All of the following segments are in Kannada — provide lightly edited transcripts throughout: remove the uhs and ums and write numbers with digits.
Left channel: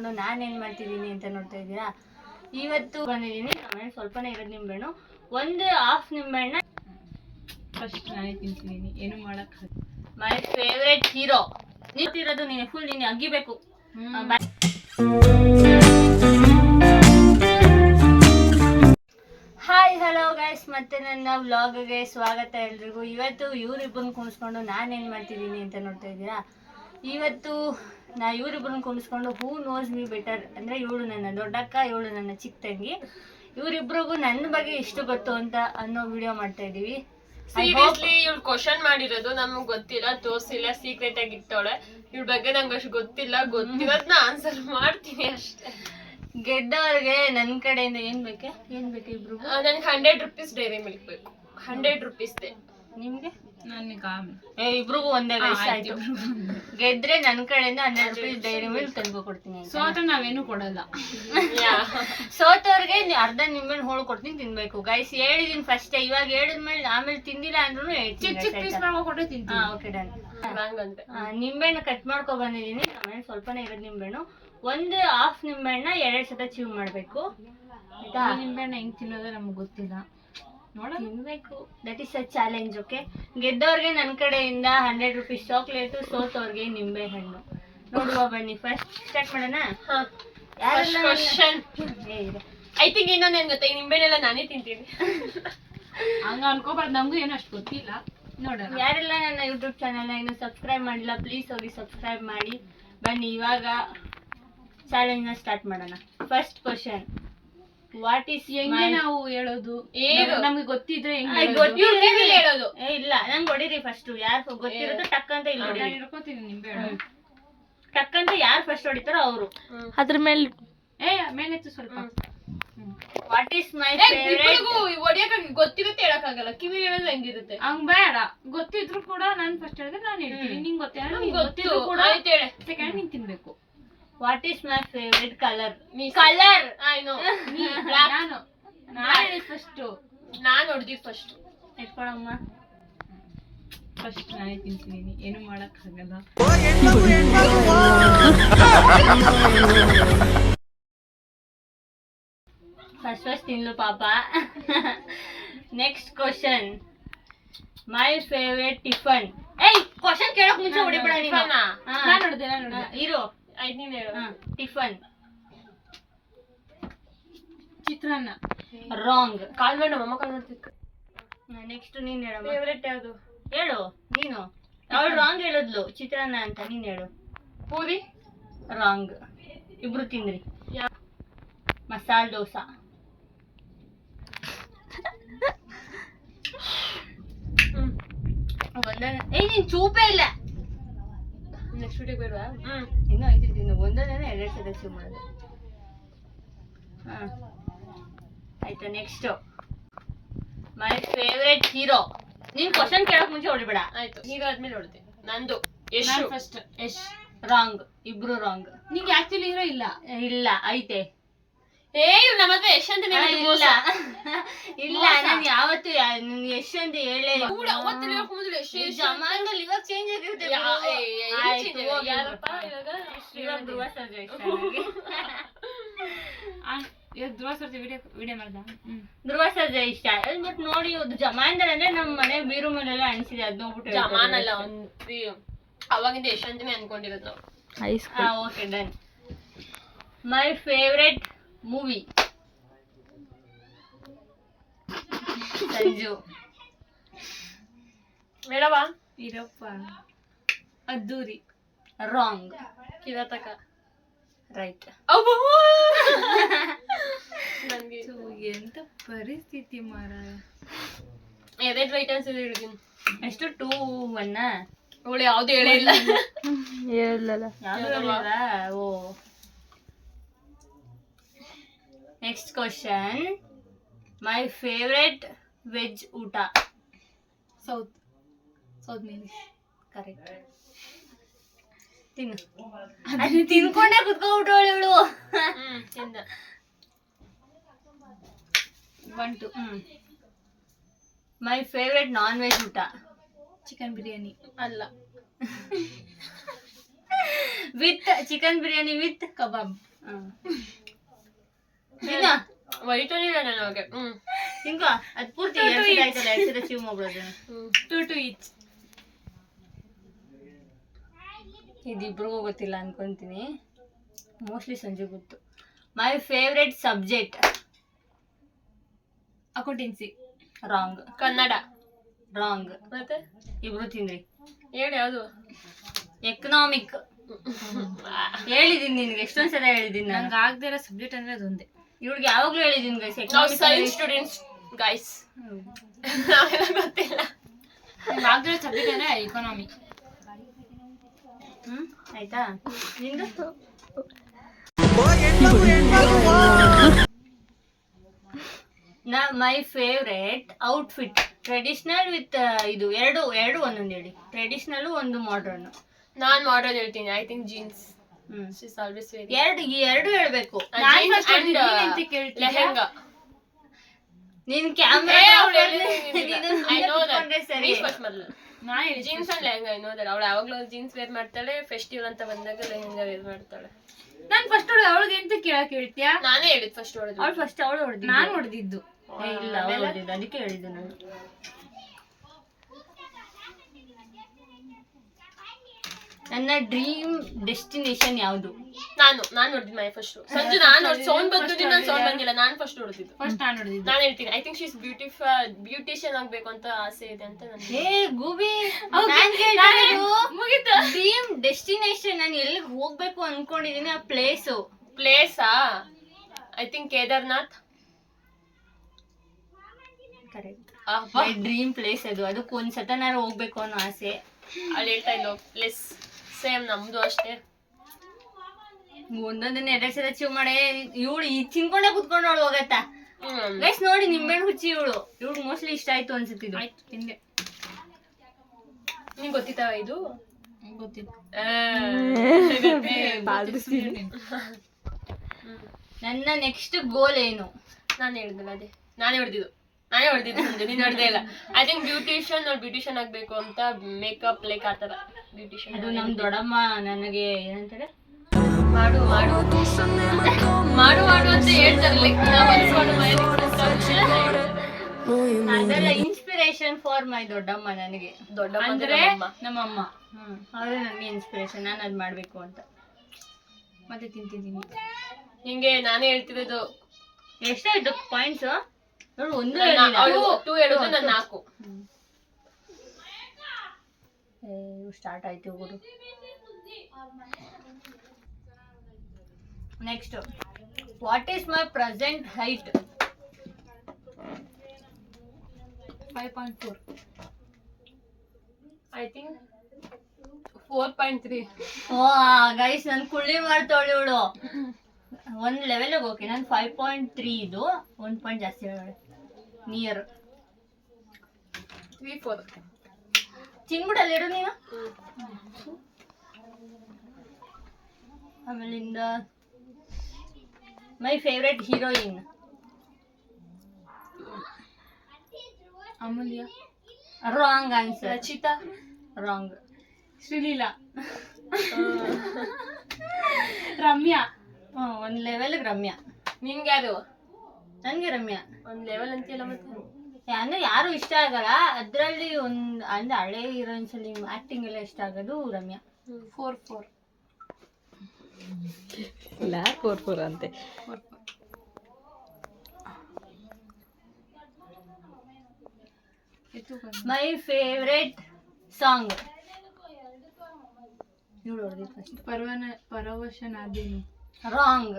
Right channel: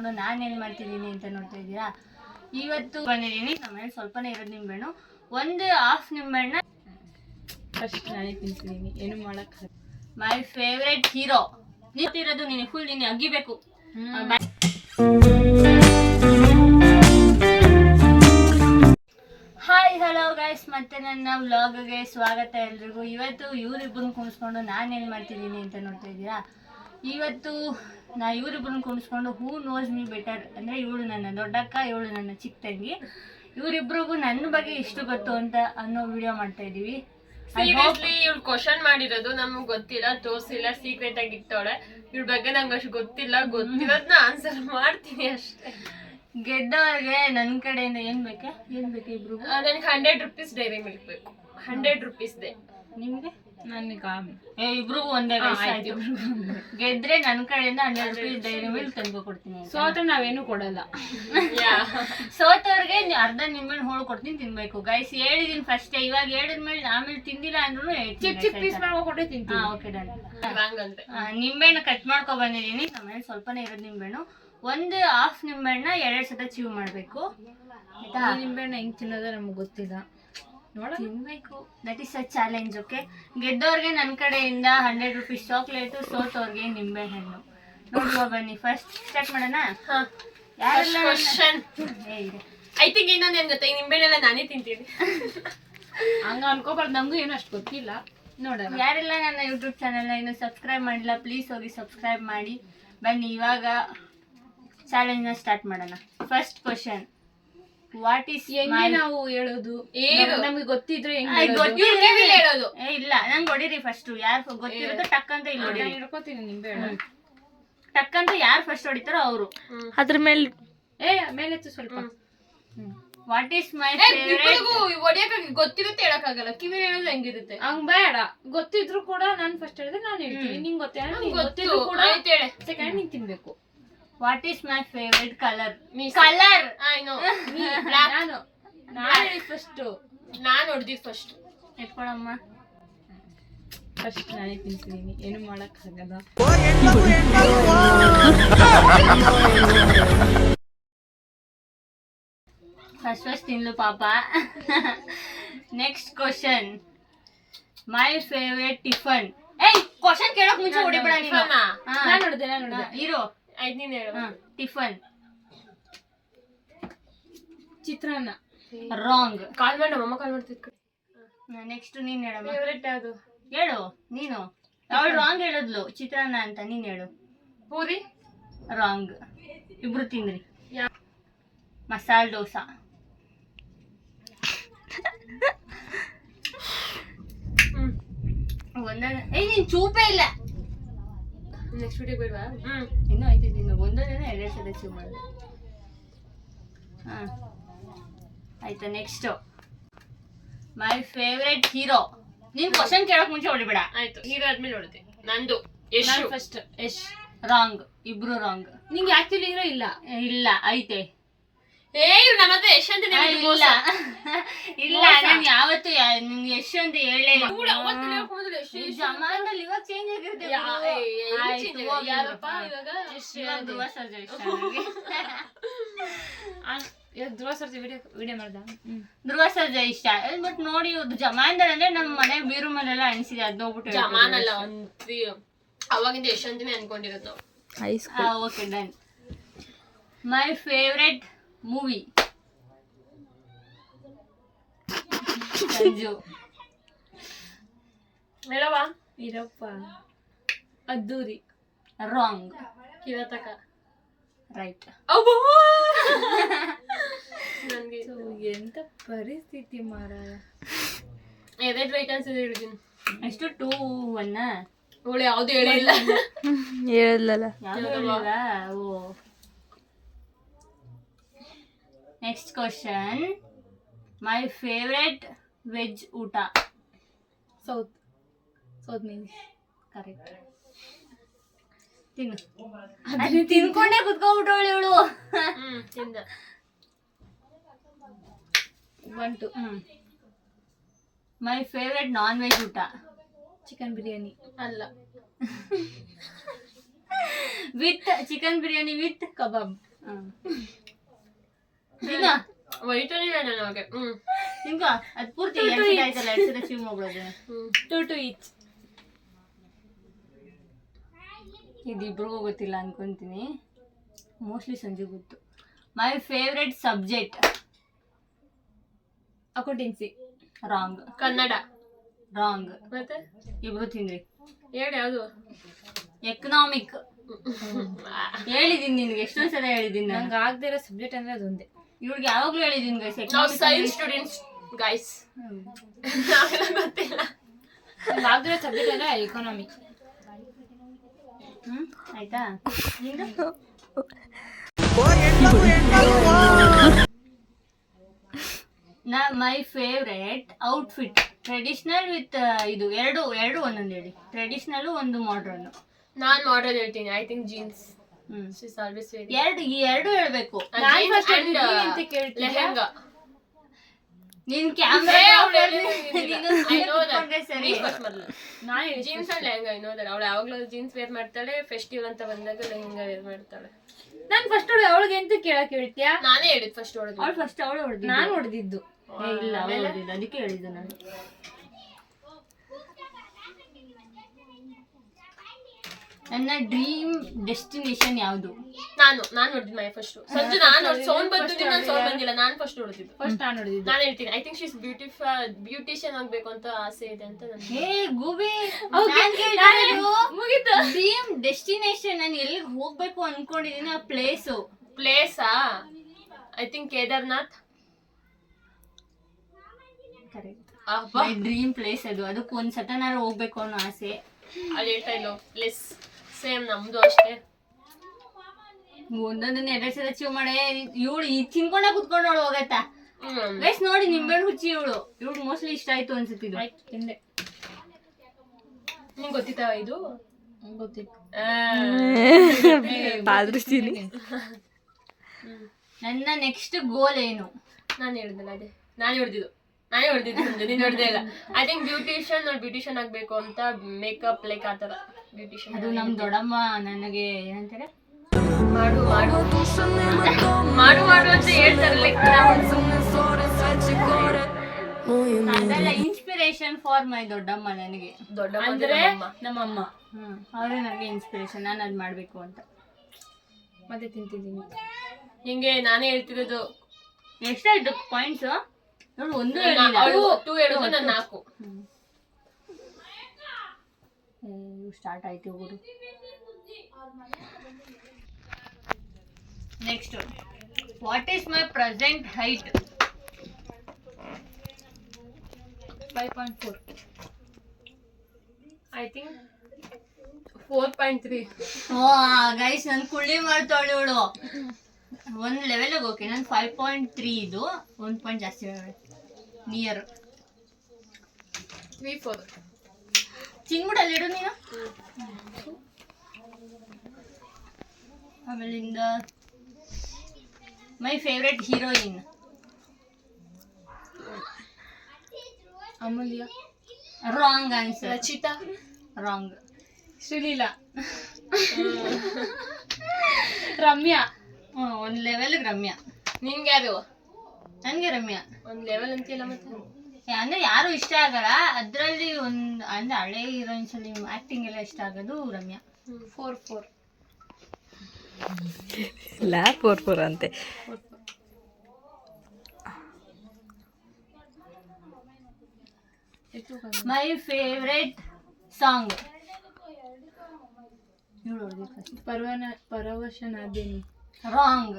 ಕುಣಿಸ್ಕೊಂಡು ನಾನೇನು ಮಾಡ್ತಿದ್ದೀನಿ ಅಂತ ನೋಡ್ತಾ ಇದ್ದೀರಾ. ಇವತ್ತು ಬಂದಿದ್ದೀನಿ. ಆಮೇಲೆ ಸ್ವಲ್ಪನೇ ಇರೋದು ನಿಂಬೆಹಣ್ಣು, ಒಂದು ಹಾಫ್ ನಿಂಬೆಹಣ್ಣ ಫಸ್ಟ್ ನಾನೇ ತಿಂತಿದ್ದೀನಿ, ಏನು ಮಾಡೋಕ್ಕೆ. ಮೈ ಫೇವ್ರೆಟ್ ಹೀರೋ ನಿಂತಿರೋದು ನೀನು, ಫುಲ್ ನೀನು ಅಗಿಬೇಕು. ಹಾಯ್ ಹಲೋ ಗೈಸ್, ಮತ್ತೆ ನನ್ನ ವ್ಲಾಗ್ಗೆ ಸ್ವಾಗತ ಎಲ್ರಿಗೂ. ಇವತ್ತು ಇವರಿಬ್ಬರನ್ನ ಕುಣಿಸ್ಕೊಂಡು ನಾನೇನು ಮಾಡ್ತಿದ್ದೀನಿ ಅಂತ ನೋಡ್ತಾ ಇದ್ದೀರಾ. ಇವತ್ತು ಇವರಿಬ್ಬರನ್ನ ಕುಣಿಸ್ಕೊಂಡು ಹೂ ನೋಸ್ ಮೀ ಬೆಟರ್, ಅಂದರೆ ಇವಳು ನನ್ನ ದೊಡ್ಡಕ್ಕ, ಇವಳು ನನ್ನ ಚಿಕ್ಕ ತಂಗಿ, ಇವರಿಬ್ರಿಗೂ ನನ್ನ ಬಗ್ಗೆ ಎಷ್ಟು ಗೊತ್ತು ಅಂತ ಅನ್ನೋ ವಿಡಿಯೋ ಮಾಡ್ತಾ ಇದ್ದೀವಿ. ಸೀರಿಯಸ್ಲಿ ಇವಳು ಕ್ವಶನ್ ಮಾಡಿರೋದು ನಮ್ಗೆ ಗೊತ್ತಿಲ್ಲ, ತೋರಿಸಿಲ್ಲ, ಸೀಕ್ರೆಟ್ ಆಗಿ ಇಟ್ಟವಳೆ. ಇವಳ ಬಗ್ಗೆ ನಂಗೆ ಅಷ್ಟು ಗೊತ್ತಿಲ್ಲ, ಗೊತ್ತಿರೋದನ್ನ ಆನ್ಸರ್ ಮಾಡ್ತೀನಿ ಅಷ್ಟೇ. ಗೆದ್ದವ್ರಿಗೆ ನನ್ನ ಕಡೆಯಿಂದ ಏನ್ ಬೇಕು ಇಬ್ರು? ನನಗೆ 100 ರೂಪೀಸ್ ಡೈರಿ ಮಿಲ್ಕ್ ಬೇಕು. 100 ರೂಪೀಸ್ ದೇ. ನಿಮ್ಗೆ? ನನಗೆ ಇಬ್ರಿಗೂ ಒಂದೇ ಆಯ್ತು. ಗೆದ್ರೆ ನನ್ನ ಕಡೆಯಿಂದ 100 ರೂಪೀಸ್ ಡೈರಿ ಮಿಲ್ಕ್ ತಂದು ಕೊಡ್ತೀನಿ. ಸೋತ್ರ ನಾವೇನು ಕೊಡಲ್ಲ. ಸೋತವ್ರಿಗೆ ಅರ್ಧ ನಿಂಬೆಹಣ್ಣು ಹೋಳು ಕೊಡ್ತೀನಿ, ತಿನ್ಬೇಕು ಗೈಸ್. ಹೇಳಿದೀನಿ ಫಸ್ಟ್, ಇವಾಗ ಹೇಳಿದ್ಮೇಲೆ ಆಮೇಲೆ ತಿಂದಿಲ್ಲ ಅಂದ್ರೂ ಓಕೆ ಡನ್. ನಿಂಬೆಹಣ್ಣು ಕಟ್ ಮಾಡ್ಕೊ ಬಂದಿದ್ದೀನಿ. ಆಮೇಲೆ ಸ್ವಲ್ಪನೇ ಇರೋದು ನಿಂಬೆಹಣ್ಣು, ಒಂದು ಹಾಫ್ ನಿಂಬೆಹಣ್ಣ 2 ಸತ ಚೀವ್ ಮಾಡಬೇಕು ಆಯ್ತಾ. ನಿಂಬೆಹಣ್ಣು ಹೆಂಗ್ ತಿನ್ನೋದು ನಮ್ಗೆ ಗೊತ್ತಿಲ್ಲ, ತಿನ್ಬೇಕು. That is a challenge. Okay, ಗೆದ್ದವ್ರಿಗೆ ನನ್ನ ಕಡೆಯಿಂದ 100 ರೂಪೀಸ್ ಚಾಕ್ಲೇಟು, ಸೋತವ್ರಿಗೆ ನಿಂಬೆ ಹಣ್ಣು. ನೋಡುವ ಬನ್ನಿ, ಫಸ್ಟ್ ಸ್ಟಾರ್ಟ್ ಮಾಡೋಣ. ಐ ಥಿಂಕ್ ಇನ್ನೊಂದು ಏನ್ ಗೊತ್ತಾ, ಈ ನಿಂಬೆಹಣ್ಣೆಲ್ಲ ನಾನೇ ತಿಂತೀನಿ. ಹಂಗ ಅನ್ಕೋಬಾರ್ದು, ನಮಗೂ ಏನು ಅಷ್ಟು ಗೊತ್ತಿಲ್ಲ. ನೋಡೋಣ. ಯಾರೆಲ್ಲ ನನ್ನ ಯೂಟ್ಯೂಬ್ ಚಾನಲ್ನ ಇನ್ನೂ ಸಬ್ಸ್ಕ್ರೈಬ್ ಮಾಡಿಲ್ಲ, ಪ್ಲೀಸ್ ಹೋಗಿ ಸಬ್ಸ್ಕ್ರೈಬ್ ಮಾಡಿ. ಬನ್ನಿ ಇವಾಗ ಚಾಲೆಂಜ್ನ ಸ್ಟಾರ್ಟ್ ಮಾಡೋಣ. ಫಸ್ಟ್ ಕ್ವಶನ್, ವಾಟ್ ಈಸ್ ಹೆಂಗೆ ನಾವು ಹೇಳೋದು? ನಮ್ಗೆ ಗೊತ್ತಿದ್ರೆ ಹೇಳೋದು? ಇಲ್ಲ, ನಂಗೆ ಹೊಡಿರಿ ಫಸ್ಟ್. ಯಾರು ಗೊತ್ತಿರೋದು ಟಕ್ ಅಂತ ಇಲ್ಲಿ ಹೊಡಿ. ಹಿಡ್ಕೋತೀನಿ ನಿಂಬೆಹಣ್ಣು. ಟಕ್ ಅಂತ ಯಾರು ಫಸ್ಟ್ ಹೊಡಿತಾರೋ ಅವರು. ಅದ್ರ ಮೇಲೆ ಮೇಲೆತ್ತು ಸ್ವಲ್ಪ. What is my favourite? ಹೊಡಿಯಕ್ಕಾಗಿ ಗೊತ್ತಿರುತ್ತೆ, ಹೇಳಕ್ಕಾಗಲ್ಲ. ಕಿವಿ ಹೇಳೋದು ಹೆಂಗಿರುತ್ತೆ? ಹಂಗ್ ಬೇಡ, ಗೊತ್ತಿದ್ರು ಕೂಡ ನಾನು ಫಸ್ಟ್ ಹೇಳಿದ್ರೆ ನಾನು ಹೇಳ್ತೀನಿ. ನಿಂಗೆ ಗೊತ್ತಿದ್ರು ಕೂಡ ಸೆಕೆಂಡ್ ನೀನ್ ತಿನ್ಬೇಕು. What is my favourite colour? Colour ನಾನು ಹೊಡೆದಿದ್ದು ಫಸ್ಟ್. ಎತ್ಕೊಳಮ್ಮ. ಫಸ್ಟ್ ನಾನೇ ತಿಂತಿದ್ದೀನಿ, ಏನು ಮಾಡಕ್ಕಾಗಲ್ಲ. ಫಸ್ಟ್ ತಿನ್ಲು ಪಾಪ. Next question, my favourite tiffin. ಏಯ್, ಕ್ವಶನ್ ಕೇಳಕ್ ಮುಂಚೆ ಹೊಡಿಬೇಡ ನೀನು. ನಾನು ನೋಡಿದೆ ಇರೋ. ನೀನು ಹೇಳು. ಟಿಫನ್ ಚಿತ್ರಾನ್ನ. ರಾಂಗ್. ಕಾಲ್ ಮಾಡಿ ನಮ್ಮಮ್ಮ ಕಾಲ್ ಮಾಡ್ತಿದ್ದೆ. ನೆಕ್ಸ್ಟ್ ನೀನ್ ಹೇಳು. ಫೇವರೇಟ್ ಯಾವುದು ಹೇಳು ನೀನು. ಅವಳು ರಾಂಗ್ ಹೇಳಿದ್ಲು, ಚಿತ್ರಾನ್ನ ಅಂತ. ನೀನ್ ಹೇಳು. ಪೂರಿ. ರಾಂಗ್. ಇಬ್ರು ತಿಂದ್ರಿ. ಮಸಾಲೆ ದೋಸಾ. ಏಯ್, ನೀನ್ ಚೂಪೇ ಇಲ್ಲ. ನೆಕ್ಸ್ಟ್ ವಿಡಿಯೋ ಬೇಡವಾ? ಇನ್ನೂ ಆಯ್ತಿದ್ದೀನಿ. ಒಂದನೇ 2 ಸಲ ಚೂಪ್ ಮಾಡಿದೆ. ಆಯ್ತಾ. Next, my favourite hero. ನೀನ್ ಕ್ವಶನ್ ಕೇಳಕ್ ಮುಂಚೆ ಹೊಡಿಬೇಡ. ಆಯ್ತು, ಹೀರೋ ಆದ್ಮೇಲೆ ಹೊಡಿದೆ. ನಂದು ಯಶ್ ಫಸ್ಟ್. ಯಶ್. ರಾಂಗ್. ಇಬ್ರು ರಾಂಗ್. ನಿಂಗೆ ಆಕ್ಚುಲಿ ಹೀರೋ ಇಲ್ಲ? ಇಲ್ಲ, ಐತೆ. ನಮ್ಮ ಹತ್ರ ಯಶ್ ಅಂತ ಇಲ್ಲ ಇಲ್ಲ, ನಾನು ಯಾವತ್ತು ನಿಮ್ಗೆ ಯಶ್ ಅಂತ ಹೇಳೇ ಇಲ್ಲ. ಜಮಾನದಲ್ಲಿ ಇವಾಗ ಚೇಂಜ್ ಆಗಿರುತ್ತೆ. ಇವಾಗ ಧ್ರುವ ಸರ್ಜಾ ಇಷ್ಟ. ಧ್ರುವ ಸರ್ಜಾ ವಿಡಿಯೋ ಮಾಡ್ದ. ಧ್ರುವ ಸರ್ಜಾ ಇಷ್ಟ. ಬಟ್ ನೋಡಿ, ಜಮಾನದಲ್ಲಿ ಅಂದ್ರೆ ನಮ್ಮ ಮನೆ ಬೀರು ಮೇಲೆಲ್ಲ ಅನ್ಸಿದೆ. ಅದ್ ನೋಡ್ಬಿಟ್ಟು ಜಮಾನ್ ಅಲ್ಲ, ಅವಾಗಿಂದ ಯಶ್ ಅಂತಾನೆ ಅನ್ಕೊಂಡಿರೋದು ನಾವು. Okay done. My favourite movie. Sanju. ಮೇಡವಾ ಇರಪ್ಪ. ಅದ್ದೂರಿ. ರಾಂಗ್. ಕಿರಾತಕ. ರೈಟ್. ನನಗೆ ಎಂತ ಪರಿಸ್ಥಿತಿ ಮಾರಾಯ. ಎದೆಡ್ ರೈಟ್ ಆನ್ಸರ್ ಹೇಳಿದ್ದೀನಿ. ಎಷ್ಟು 2-1? ಅವಳು ಯಾವ್ದು ಹೇಳಿಲ್ಲ. ಹೇಳಿಲ್ಲ. ಯಾವ್ದು ಹೇಳಿಲ್ಲ. ಓ. Next question, my favourite veg ಊಟ. South means correct. ತಿನ್ನು. ತಿನ್ಕೊಂಡೆ ಕುತ್ಕೊಂಡ್ಬಿಟ್ಟು ಇವಳು. ತಿಂದ. 1 2. ಮೈ ಫೇವ್ರೆಟ್ ನಾನ್ ವೆಜ್ ಊಟ. ಚಿಕನ್ ಬಿರಿಯಾನಿ. ಅಲ್ಲ, with chicken biryani with kebab. ದಿನ ವೈಟನೇ ಬೇಡ ನಮಗೆ. ಹಿಂಗ ಅದ್ ಪೂರ್ತಿ 2 ಸಲ ಆಯ್ತಲ್ಲ, 2 ಸಲ ಚೀವ್ ಮಾಡ್ಬಿಡೋದು. 2 each. ಇದಿಬ್ರಿಗೂ ಗೊತ್ತಿಲ್ಲ ಅನ್ಕೊಂತೀನಿ, ಮೋಸ್ಟ್ಲಿ ಸಂಜೆ ಗೊತ್ತು. My favourite subject accountancy. Wrong. Kannada. Wrong. ಮತ್ತೆ ಇಬ್ರು ತಿಂದ್ರಿ. ಹೇಳಿ ಯಾವುದು? ಎಕನಾಮಿಕ್. ಹೇಳಿದೀನಿ ನಿನ್ಗೆ, ಎಷ್ಟೊಂದ್ ಸಲ ಹೇಳಿದೀನಿ. ನಂಗೆ ಆಗದೆ ಇರೋ ಸಬ್ಜೆಕ್ಟ್ ಅಂದ್ರೆ ಅದೊಂದೇ. ಇವ್ಳಿಗೆ ಯಾವಾಗ್ಲೂ ಹೇಳಿದೀನಿ guys, economic science students guys. ಗೊತ್ತಿಲ್ಲ. ನಂಗೆ ಆಗದೆ ಇರೋ ಸಬ್ಜೆಕ್ಟ್ ಅಂದ್ರೆ ಎಕಾನಮಿ. ಆಯ್ತಾ ನಿಂದು? My favourite outfit traditional with ಇದು ಎರಡು ಒಂದೊಂದು ಹೇಳಿ. ಟ್ರೆಡಿಷನಲ್ ಒಂದು ಮಾಡ್ರನ್. ನಾನ್ ಮಾಡಲ್ ಹೇಳ್ತೀನಿ. I think jeans. She's always very. ಎರಡು ಹೇಳ್ಬೇಕು. ಲೆಹಂಗಾ. ನೀನ್ ಕ್ಯಾಮ್ರಾ ಸರಿ. Jeans and lehenga. ಅವಳು ಯಾವಾಗ್ಲೂ ಜೀನ್ಸ್ ವೇರ್ ಮಾಡ್ತಾಳೆ, ಫೆಸ್ಟಿವಲ್ ಅಂತ ಬಂದಾಗ ಲೆಹಂಗಾ ವೇರ್ ಮಾಡ್ತಾಳೆ. ನಾನ್ ಫಸ್ಟ್ ಅವಳಿಗೆ ಎಂತ ಕೇಳಕ್ ಹೇಳ್ತೀಯಾ? ನಾನೇ ಹೇಳಿದ್ ಫಸ್ಟ್ ಹೊಡೆದು. ಅವಳು ಫಸ್ಟ್ ಅವಳು ಹೊಡೆದಿದ್ದು, ನಾನು ಹೊಡೆದಿದ್ದು. ಇಲ್ಲ ಅವಳು ಹೊಡೆದಿದ್ದು, ಅದಕ್ಕೆ ಹೇಳಿದ್ದು ನಾನು. ನನ್ನ ಡ್ರೀಮ್ ಡೆಸ್ಟಿನೇಷನ್ ಯಾವುದು? ನಾನು ಹೊಡೆದಿದ್ದು ಮೈ ಫಸ್ಟ್. ಸಂಜು ನಾನು ಸೌಂಡ್ ಬಂದಿದ್ದು, ನಾನು ಸೌಂಡ್ ಬಂದಿಲ್ಲ. ನಾನು ಫಸ್ಟ್ ಹೊಡೆದಿದ್ದು. ಫಸ್ಟ್ ನಾನು ಹೊಡೆದಿದ್ದು. ನಾನು ಹೇಳ್ತೀನಿ, ಐ ಥಿಂಕ್ ಶೀಸ್ ಬ್ಯೂಟಿಷಿಯನ್ ಆಗ್ಬೇಕು ಅಂತ ಆಸೆ ಇದೆ ಅಂತ ನನಗೆ. ಏ ಗೂಬಿ, ಮುಗಿತು. ಡ್ರೀಮ್ ಡೆಸ್ಟಿನೇಷನ್ ನಾನು ಎಲ್ಲಿಗೆ ಹೋಗ್ಬೇಕು ಅನ್ಕೊಂಡಿದೀನಿ, ಆ ಪ್ಲೇಸಾ? I think Kedarnath. Correct. My dream place ಅದು. ಅದಕ್ಕೆ ಒಂದ್ ಸತನಾರು ಹೋಗ್ಬೇಕು ಅನ್ನೋ ಆಸೆ. ಅಲ್ಲಿ ಹೇಳ್ತಾ ಇಲ್ಲೋ ಪ್ಲೇಸ್. ಸೇಮ್ ನಮ್ದು ಅಷ್ಟೇ. ಒಂದೊಂದನ್ನ 2 ಸಲ ಚೀವ್ ಮಾಡೇ. ಇವಳು ಈ ತಿನ್ಕೊಂಡ ಕುತ್ಕೊಂಡವಳು ಹೋಗತ್ತಾ ಗೈಸ್ ನೋಡಿ. ನಿಂಬೆಹಣ್ಣು ಹುಚ್ಚಿ ಇವಳು ಮೋಸ್ಟ್ಲಿ ಇಷ್ಟ ಆಯ್ತು ಅನ್ಸುತ್ತಿದ್ದು. ತಿಂದೆ. ನಿಮ್ಗೆ ಗೊತ್ತಿತ್ತಾ ಇದು? ಗೊತ್ತಿತ್ತು. ನನ್ನ ನೆಕ್ಸ್ಟ್ ಗೋಲ್ ಏನು? ನಾನು ಹೇಳಿದ್ನಲ್ಲ ಅದೇ. ನಾನೇ ಹೊಡೆದಿದ್ದು ನೀನು ಹೊಡೆದಿಲ್ಲ. ಐ ಥಿಂಕ್ ಬ್ಯೂಟಿಷಿಯನ್ ಆಗ್ಬೇಕು ಅಂತ. ಮೇಕಪ್ ಲೈಕ್ ಆ ಥರ ಬ್ಯೂಟಿಷಿಯನ್. ಅದು ನಮ್ ದೊಡ್ಡಮ್ಮ ನನಗೆ ಏನಂತಾರೆ, ಮಾಡು ಅಂತ ಹೇಳ್ತಾರೆ. ಅದೆಲ್ಲ ಇನ್ಸ್ಪಿರೇಷನ್ ಫಾರ್ ಮೈ ದೊಡ್ಡಮ್ಮ. ನನಗೆ ದೊಡ್ಡಮ್ಮ ಅಂದ್ರೆ ನಮ್ಮಮ್ಮ. ಅವರೇ ನನಗೆ ಇನ್ಸ್ಪಿರೇಷನ್, ನಾನು ಅದು ಮಾಡ್ಬೇಕು ಅಂತ. ಮತ್ತೆ ತಿಂತಿದ್ದೀನಿ. ಹಿಂಗೆ ನಾನೇ ಹೇಳ್ತಿರೋದು. ಎಷ್ಟಾಯ್ತು ಪಾಯಿಂಟ್ಸ್? ನೋಡಿ, 1 2 ಹೇಳಿದ್ರು, ನಾನು 4. ಸ್ಟಾರ್ಟ್ ಆಯ್ತು ಗುರು. Next, what is my present height? 5.4. I think 4.3. Guys ನನ್ ಕುಳ್ಳಿ ಮಾಡ್ತಾವಳು ಇವಳು. ಒಂದ್ ಲೆವೆಲ್ಗೆ ಓಕೆ. ನನ್ 5.3 ಇದು. 1 ಪಾಯಿಂಟ್ ಜಾಸ್ತಿ ಹೇಳಿ. ನಿಯರ್ 3-4. ಚಿನ್ಬಿಡಲ್ಲಿ ಇಡು ನೀನು. ಆಮೇಲಿಂದ my favourite heroine? Amulya. Wrong answer. Rachita. Wrong. Sreeleela. Ramya. ಒಂದ್ ಲೆವೆಲ್ಗೆ ರಮ್ಯಾ. ನಿನ್ಗೆ ಯಾರು? ನನ್ಗೆ ರಮ್ಯಾ. ಒಂದ್ ಲೆವೆಲ್ ಅಂತೀಯಲ್ಲ ಮತ್ತೆ. ಅಂದ್ರೆ ಯಾರು ಇಷ್ಟ ಆಗಲ್ಲ ಅದ್ರಲ್ಲಿ. ಅಂದ್ರೆ ಹಳೆ ಹೀರೋಯಿನ್ಸ್ ಅಲ್ಲಿ ಆಕ್ಟಿಂಗ್ ಎಲ್ಲ ಇಷ್ಟ ಆಗೋದು ರಮ್ಯಾ. 4-4 ಇಲ್ಲ 4-4 ಅಂತೆ. My favourite song? ಇವಳು ಹೊಡೆದಿದ್ದು first. Paravashanadenu. Wrong.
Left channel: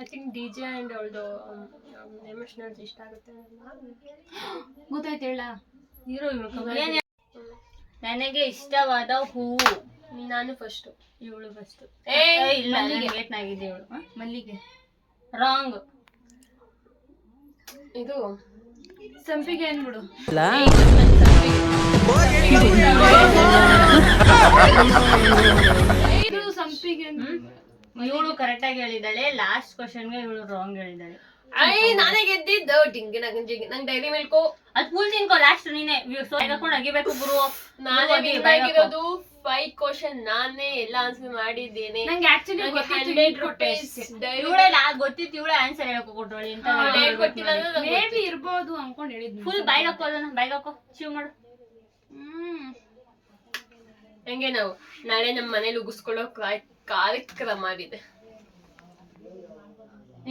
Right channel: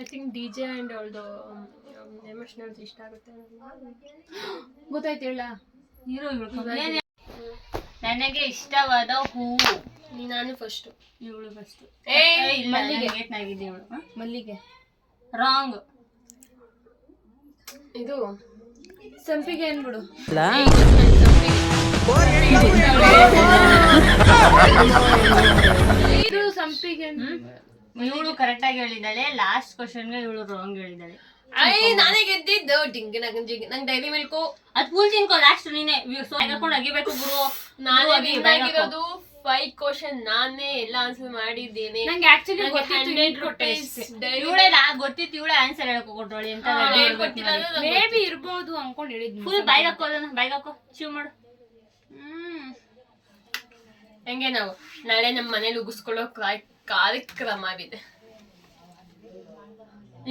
I think DJ and ಅವಳದು ಎಮೋಷನಲ್ ಇಷ್ಟ ಆಗುತ್ತೆ. ಗೊತ್ತಾಯ್ತು ಹೇಳ. ಹೀರೋ ನನಗೆ ಇಷ್ಟವಾದ ಹೂವು? ನಾನು ಫಸ್ಟ್. ಇವಳು ಫಸ್ಟ್. ಇಲ್ಲ, ಏತ್ನಾಗಿದೆ ಇವಳು. ಮಲ್ಲಿಗೆ. ರಾಂಗ್. ಇದು ಸಂಪಿಗೆ ಅನ್ಬಿಡು. ಇದು ಸಂಪಿಗೆ. ಇವಳು ಕರೆಕ್ಟ್ ಆಗಿ ಹೇಳಿದಾಳೆ. ಲಾಸ್ಟ್ ಕ್ವಶನ್ಗೆ ಇವಳು ರಾಂಗ್ ಹೇಳಿದಾಳೆ. ನಾನೇ ಗೆದ್ದಿದ್ದು ಡಿಂಗ್ ನಂಗೆ ಡೈರಿ ಮಿಲ್ಕು ಅದ್ ಫುಲ್ ತಿನ್ಕೋ ಲಾಸ್ಟ್ ನೀನೆ ಹಾಕೊಂಡು ಅಗಿಬೇಕು ಗುರು. ನಾನೇ win ಆಗಿರೋದು. 5 ಕ್ವಶನ್ ನಾನೇ ಎಲ್ಲ ಆನ್ಸರ್ ಮಾಡಿದ್ದೇನೆ. ನಂಗೆ ಆಕ್ಚುಲಿ ಇವಳೆ ಗೊತ್ತಿತ್ತು, ಇವಳೆ ಆನ್ಸರ್ ಹೇಳಕ್ ಕೊಟ್ಟೋಳಿ ಅಂತ ಮೇ ಬಿ ಇರ್ಬೋದು ಅನ್ಕೊಂಡ್ ಹೇಳಿದ್ನಿ. ಫುಲ್ ಬೈಗ್ ಹಾಕೋದನ್ನ ಬೈಗ್ ಹಾಕೋ ಚೀವ್ ಮಾಡು. ಹೆಂಗೆ ನಾವು ನಾಳೆ ನಮ್ಮ ಮನೇಲಿ ಉಗಿಸ್ಕೊಳ್ಳೋ ಕಾರ್ಯಕ್ರಮವಿದೆ.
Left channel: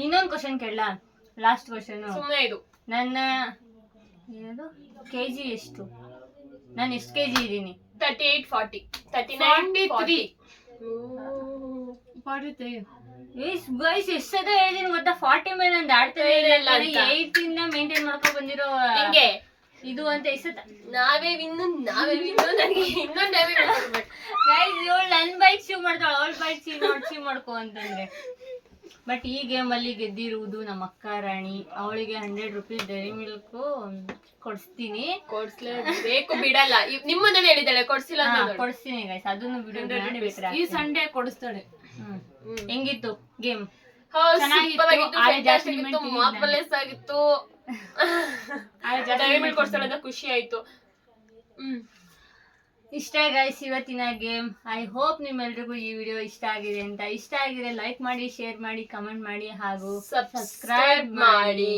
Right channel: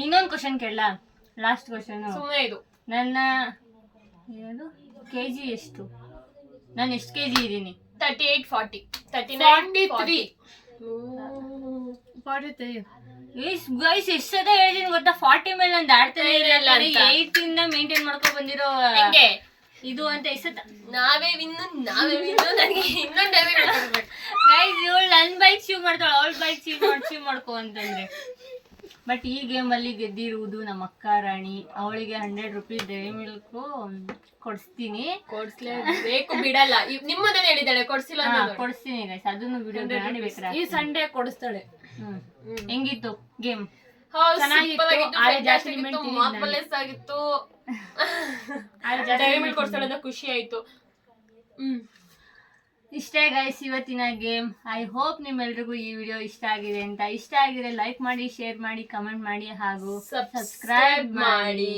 ಇನ್ನೊಂದು ಕ್ವಶನ್ ಕೇಳಲ್ಲ, ಲಾಸ್ಟ್ ಕ್ವಶನ್. ಸುಮ್ಮನೆ ಇದು ನನ್ನ ಏನು ಕೆಜಿ ಎಷ್ಟು, ನಾನು ಎಷ್ಟು ಕೆಜಿ ಇದ್ದೀನಿ? 38 40 39 43 ಗೈಸ್ ಎಷ್ಟು ಸದ ಹೇಳಿದೀನಿ ಗೊತ್ತಾ, 40 ಮೇಲೆ ನಂದು ಆಡ್ತಾನೆ ಇಲ್ಲ. ಅಂತ. 8 ಇಂದ ಮೇಂಟೈನ್ ಮಾಡ್ಕೊಂಡ್ ಬಂದಿರೋ ಹಿಂಗೆ ಇದು ಅಂತ ಎಷ್ಟದ ನಾವೇ ವಿನ್ನು ನನಗೆ ಇನ್ನೊಂದು ಡೈರಿ ಮಿಲ್ಕ್ ಗೈಸ್. ಇವಳು ನನ್ನ ಬೈಕ್ ಚೀವ್ ಮಾಡ್ತಾಳೆ, ಅವಳ ಬೈಕ್ ಚೀವ್ ಮಾಡ್ಕೊ ಅಂತಂದ್ರೆ. ಬಟ್ ಈ ಗೇಮ್ ಅಲ್ಲಿ ಗೆದ್ದಿರುವುದು ನಮ್ಮ ಅಕ್ಕ ರಾಣಿ. ಅವಳಿಗೆ 100 ರೂಪೀಸ್ ಡೈರಿ ಮಿಲ್ಕ್ ಕೊಡಿಸ್ತೀನಿ. ಕೊಡ್ಸ್ಲೇಬೇಕು, ಬಿಡಲ್ಲ. ನಿಮ್ಮನ್ನೇ ಹೇಳಿದಾಳೆ ಕೊಡ್ಸಿಲ್ಲ ಅಂತ ನೋಡಿ. ಕೊಡಿಸ್ತೀನಿ ಗೈಸ್, ಅದನ್ನು ವಿಡಿಯೋ ಮಾಡಿ ಬೇಕಾದ್ರೆ ಈ ಸಂಡೇ ಕೊಡಿಸ್ತಾಳೆ. ಹೆಂಗಿತ್ತು ಗೇಮ್? ಹೌದು, ಚೆನ್ನಾಗಿತ್ತು. super ಆಗಿತ್ತು, ಆಳೆ ಜಾಸ್ತಿ fantastic ಇತ್ತು, limit marvelous ಆಗಿತ್ತು. ಆಳೆ ಜಾಸ್ತಿ ಡೈರಿ ಮಿಲ್ಕ್ ಕೊಡ್ಸ್ತಾಳೆ ಅಂತ ಖುಷಿ ಆಯ್ತು. ಇಷ್ಟೇ ಗೈಸ್ ಇವತ್ತಿನ ಗೇಮ್. ಐ ಹೋಪ್ ನಿಮ್ಮೆಲ್ರಿಗೂ ಈ ವಿಡಿಯೋ ಇಷ್ಟ ಆಗಿದೆ ಅಂತ. ಇಷ್ಟ ಆಗಿದ್ರೆ ಲೈಕ್ ಮಾಡಿ, ಶೇರ್ ಮಾಡಿ, ಕಮೆಂಟ್ ಮಾಡಿ ಹಾಗೂ ಸಬ್ಸ್ಕ್ರೈಬ್ ಮಾಡಿ.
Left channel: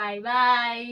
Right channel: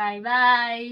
ಬಾಯ್ ಬಾಯ್.